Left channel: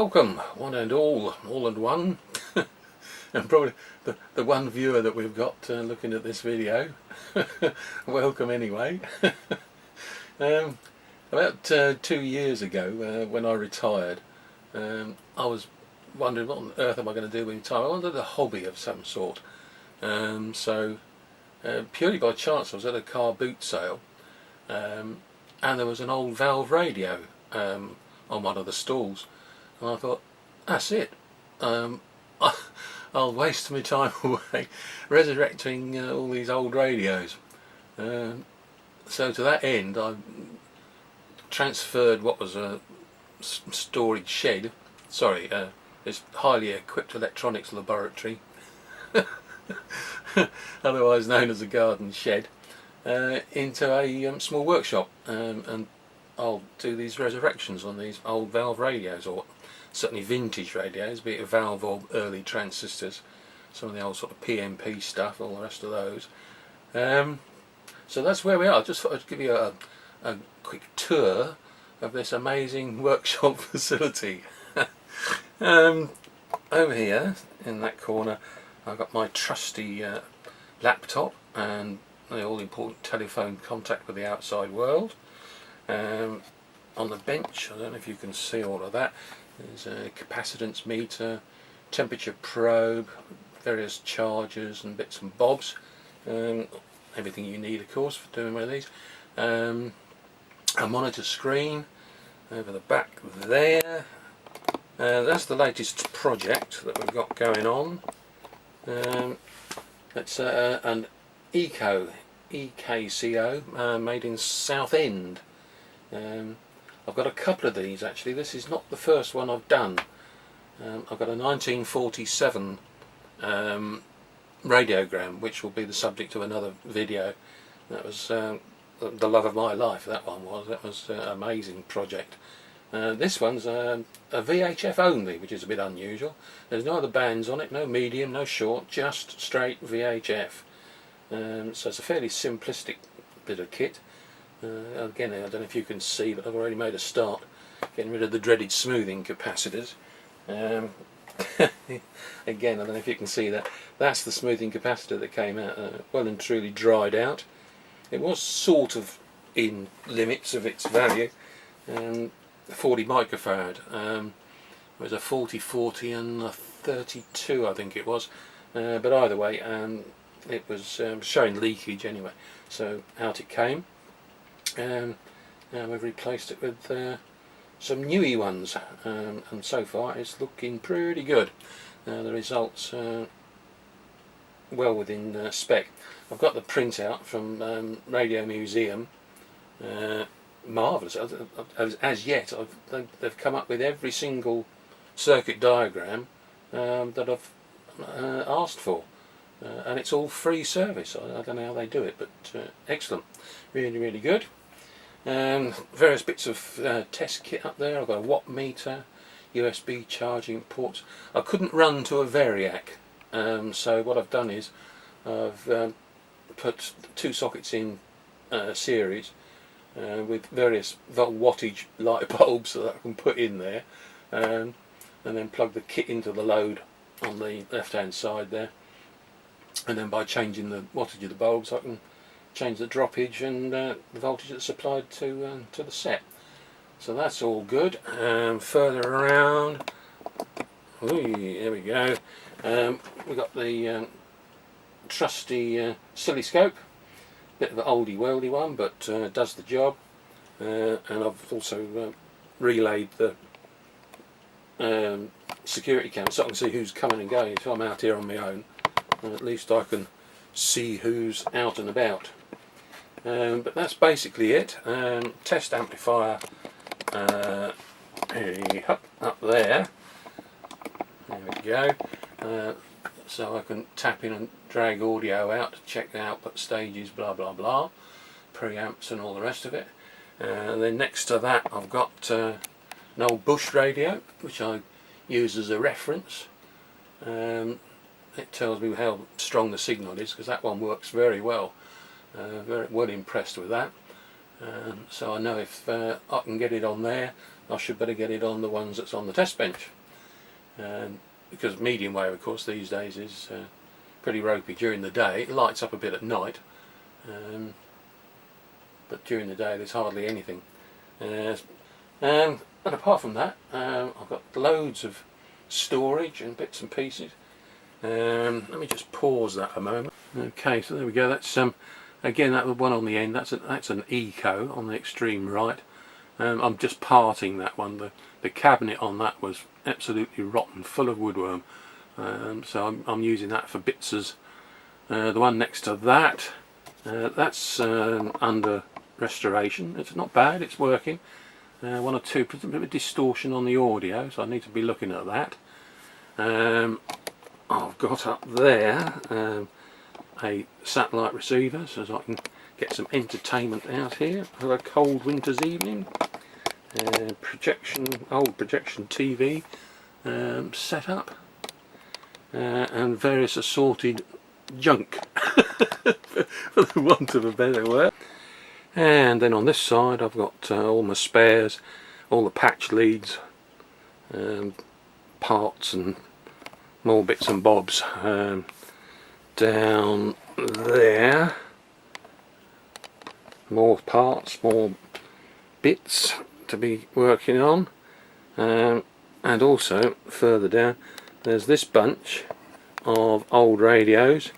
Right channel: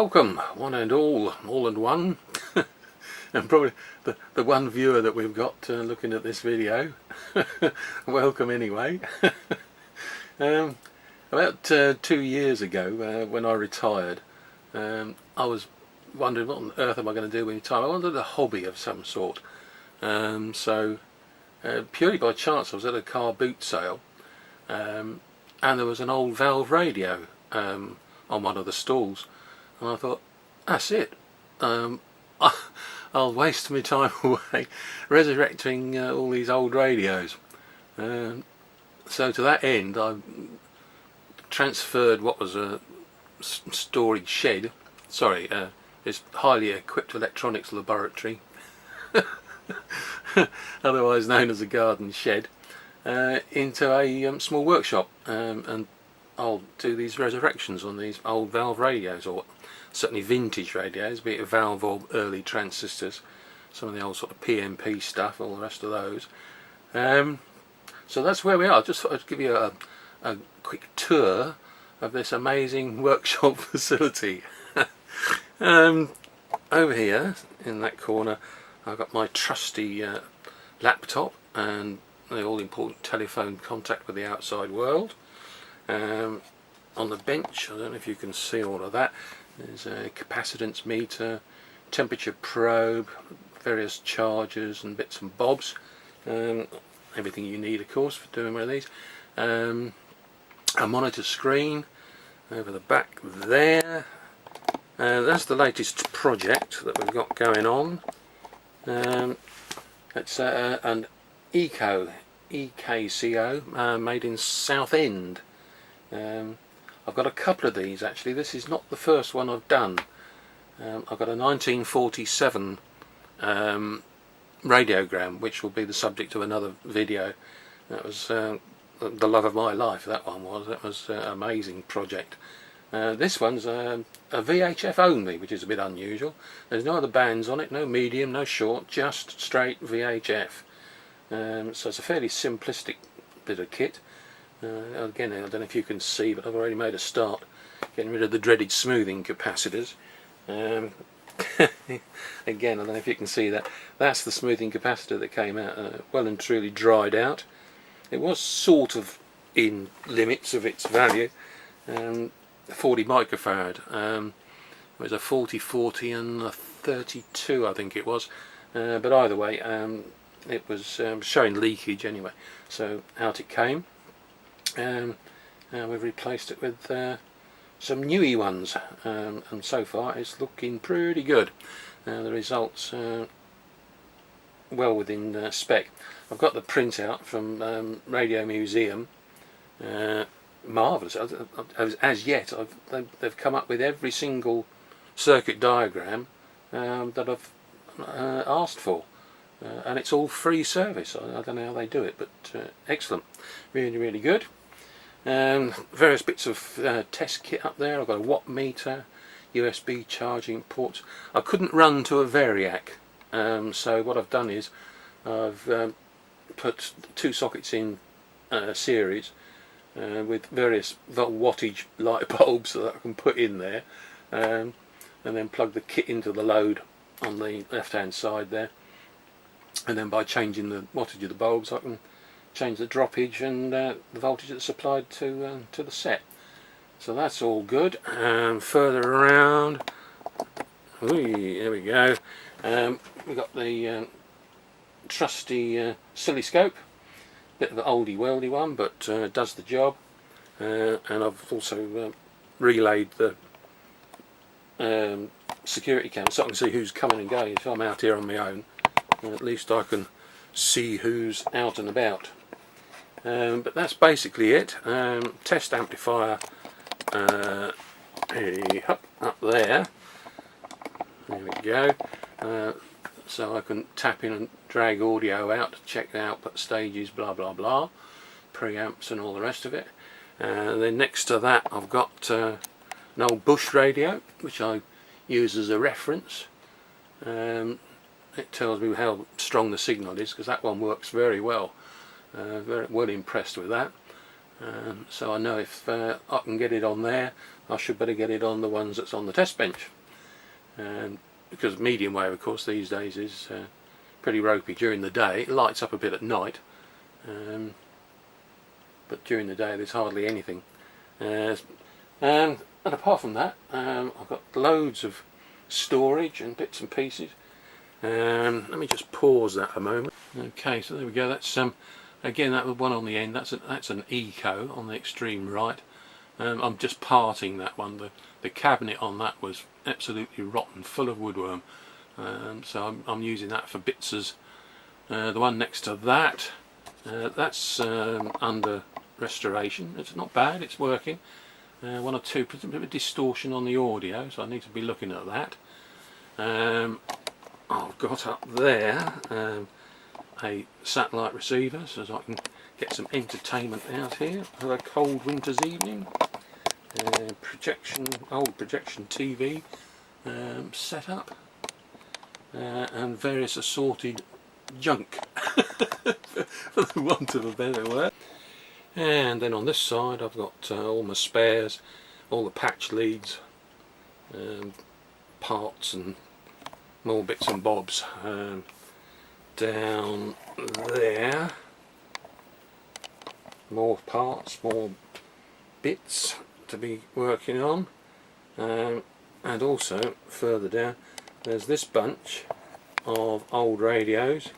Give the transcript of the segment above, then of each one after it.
Welcome, one and all and one, and probably the one viewer that we've got looking at this video. Welcome anyway. About 2 years ago, when I retired, I was wondering what on earth am I going to do with my time. I wanted a hobby of some sort. So purely by chance I was at a car boot sale, and there was an old valve radio on one of the stalls. And I thought, that's it. I'll waste my time away resurrecting all these old radios. So to that end, I transferred what was a storage shed. Sorry, it's highly equipped electronics laboratory, otherwise known as a garden shed, into a small workshop, and I'll do these resurrections on these old valve radios, or certainly vintage radios, be it valve or early transistors, some of the old sort of PMP stuff, all the rest of those. So that's where we are. I just thought I'd give you a quick tour of this amazing workshop facility. Over here in that corner I've got my trusty laptop and the all-important telephone contact with the outside world. On the bench, I don't know if you can see all of that, there's a capacitance meter, temperature probe, various chargers and bits and bobs, everything you need of course for doing one of these. A monitor screen over the back there. That's the latest project that we've got going on. It's an EKCO made in Southend. I've got a couple of these actually. This is not the first one I've done. I've got a 1947 radiogram, which will be the subject of another video. That was the love of my life, that one was. That was an amazing project. This one's a VHF only, which is a bit unusual. There's no other bands on it, no medium, no short, just straight VHF. So it's a fairly simplistic bit of kit. Again, I don't know if you can see, but I've already made a start getting rid of the dreaded smoothing capacitors. Again, I don't know if you can see that. That's the smoothing capacitor that came out, well and truly dried out. It was sort of in limits of its value, 40 microfarad. It was a 40-40 and a 32, I think it was. But either way, it was showing leakage anyway. So out it came. And we've replaced it with some newy ones, and so far it's looking pretty good. The results well within spec. I've got the printout from Radio Museum. Marvellous. As yet they've come up with every single circuit diagram that I've asked for, and it's all free service. I don't know how they do it, but excellent, really good. Various bits of test kit up there. I've got a watt meter, USB charging ports. I couldn't run to a Variac, so what I've done is I've put two sockets in series with various wattage light bulbs that I can put in there, and then plug the kit into the load on the left hand side there, and then by changing the wattage of the bulbs I can change the droppage and the voltage that's supplied to the set. So that's all good. Further around, there we go. We've got the trusty oscilloscope, bit of an oldie worldy one, but does the job. And I've also relayed the security camera so I can see who's coming and going. If I'm out here on my own, at least I can see who's out and about. But that's basically it. Test amplifier up there. There we go. So I can tap in and drag audio out to check the output stages, blah blah blah, preamps and all the rest of it. And then next to that I've got an old Bush radio, which I use as a reference. It tells me how strong the signal is, because that one works very well. Very well impressed with that. so I know if I can get it on there, I should better get it on the ones that's on the test bench. Because medium wave, of course, these days is pretty ropey during the day. It lights up a bit at night, but during the day there's hardly anything. And apart from that, I've got loads of storage and bits and pieces. Let me just pause that a moment. Okay, so there we go. That's again, that one on the end. That's an Eco on the extreme right. I'm just parting that one. The cabinet on that was absolutely rotten, full of woodworm. So I'm using that for bits as the one next to that. That's under restoration. It's not bad. It's working. One or two, a bit of distortion on the audio, so I need to be looking at that. I've got up there a satellite receiver so I can get some entertainment out here for a cold winter's evening. Old projection TV set up, and various assorted junk for the want of a better word. And then on this side I've got all my spares, all the patch leads, parts and more bits and bobs. Down there, more parts, more bits to be working on, and also further down there's this bunch of old radios.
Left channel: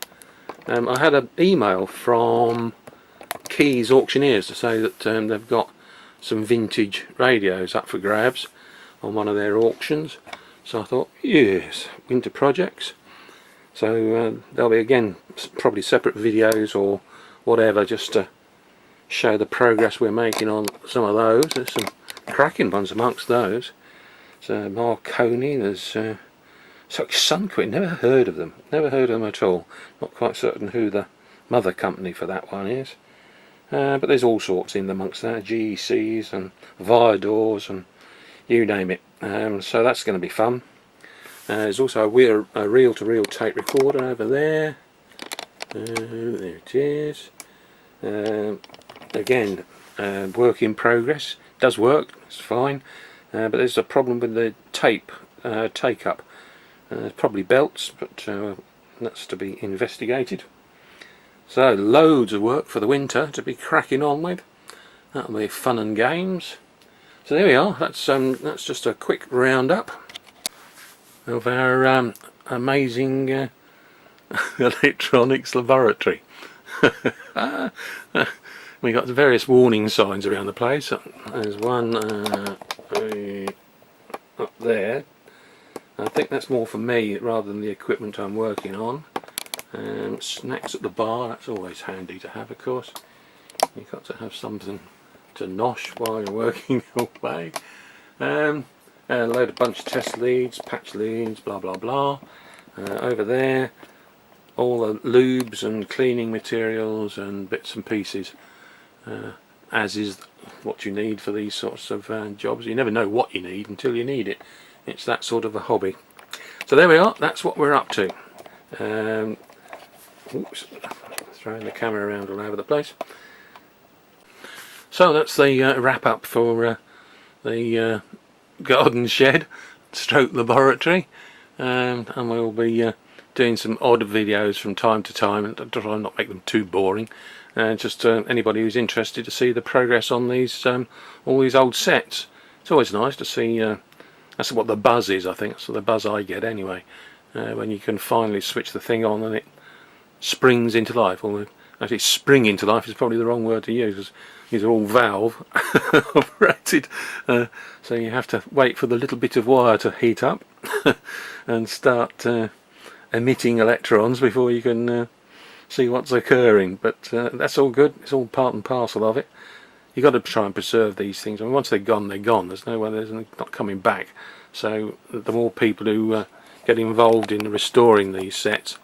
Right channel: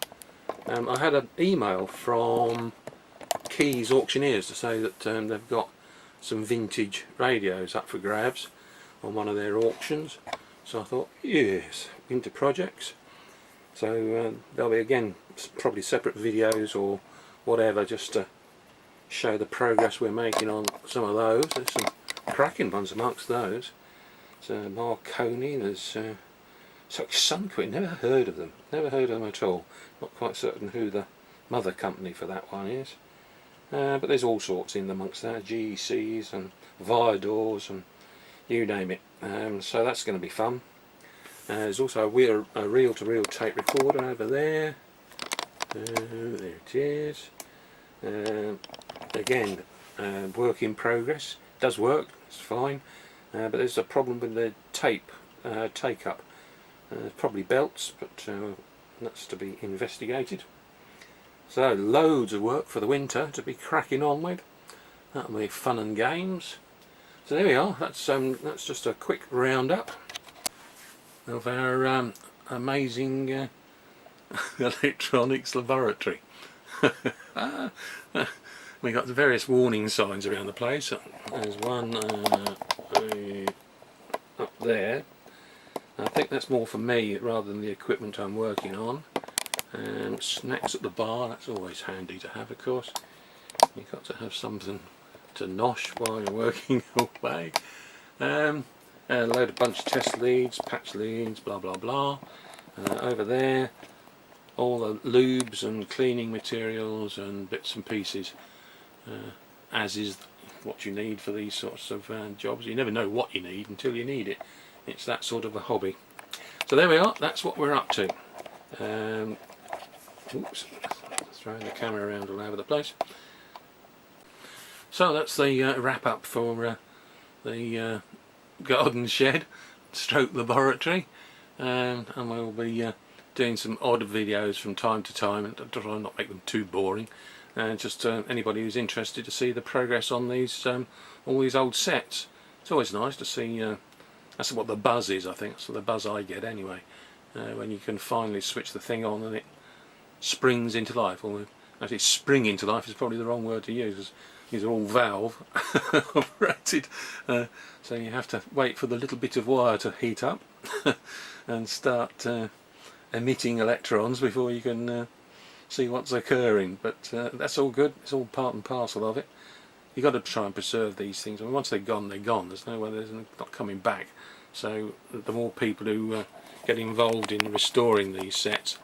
I had an email from Keys Auctioneers to say that they've got some vintage radios up for grabs on one of their auctions, so I thought, yes, winter projects. So there'll be, again, probably separate videos or whatever, just to show the progress we're making on some of those. There's some cracking ones amongst those. So Marconi, there's Sunquit, never heard of them at all. Not quite certain who the mother company for that one is. But there's all sorts in amongst that, GECs and Viadors and you name it. So that's going to be fun. There's also a reel-to-reel tape recorder over there. There it is. Again, work in progress. Does work, it's fine. But there's a problem with the tape take-up. Probably belts, but that's to be investigated. So loads of work for the winter to be cracking on with. That'll be fun and games. So there we are. That's just a quick roundup of our amazing electronics laboratory. We got various warning signs around the place. There's one up there. I think that's more for me rather than the equipment I'm working on. Snacks at the bar, that's always handy to have, of course. You've got to have something to nosh while you're working away. A load of bunch of test leads, patch leads, blah blah blah. Over there, all the lubes and cleaning materials and bits and pieces, as is what you need for these sorts of jobs. You never know what you need until you need it. It's that sort of a hobby. So there we are, that's what we're up to. Oops, throwing the camera around all over the place. So that's the wrap up for the garden shed stroke laboratory, and we'll be doing some odd videos from time to time and try and not make them too boring, just anybody who's interested to see the progress on these all these old sets. It's always nice to see. That's what the buzz is, I think. So the buzz I get anyway, when you can finally switch the thing on and it springs into life. Or actually, spring into life is probably the wrong word to use, because these are all valve operated. So you have to wait for the little bit of wire to heat up and start emitting electrons before you can see what's occurring. But that's all good. It's all part and parcel of it. You've got to try and preserve these things. I mean, once they're gone, they're gone. There's no way, there's not coming back. So the more people who get involved in restoring these sets,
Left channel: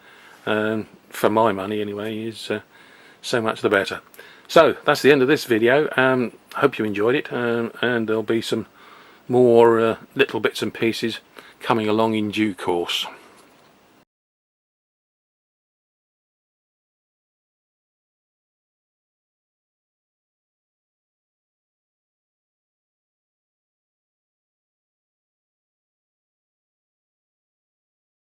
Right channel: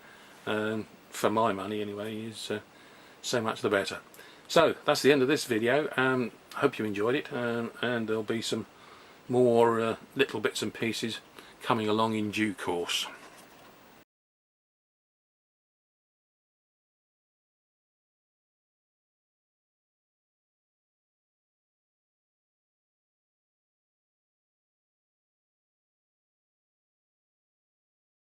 for my money anyway, is so much the better. So that's the end of this video. Hope you enjoyed it, and there'll be some more little bits and pieces coming along in due course.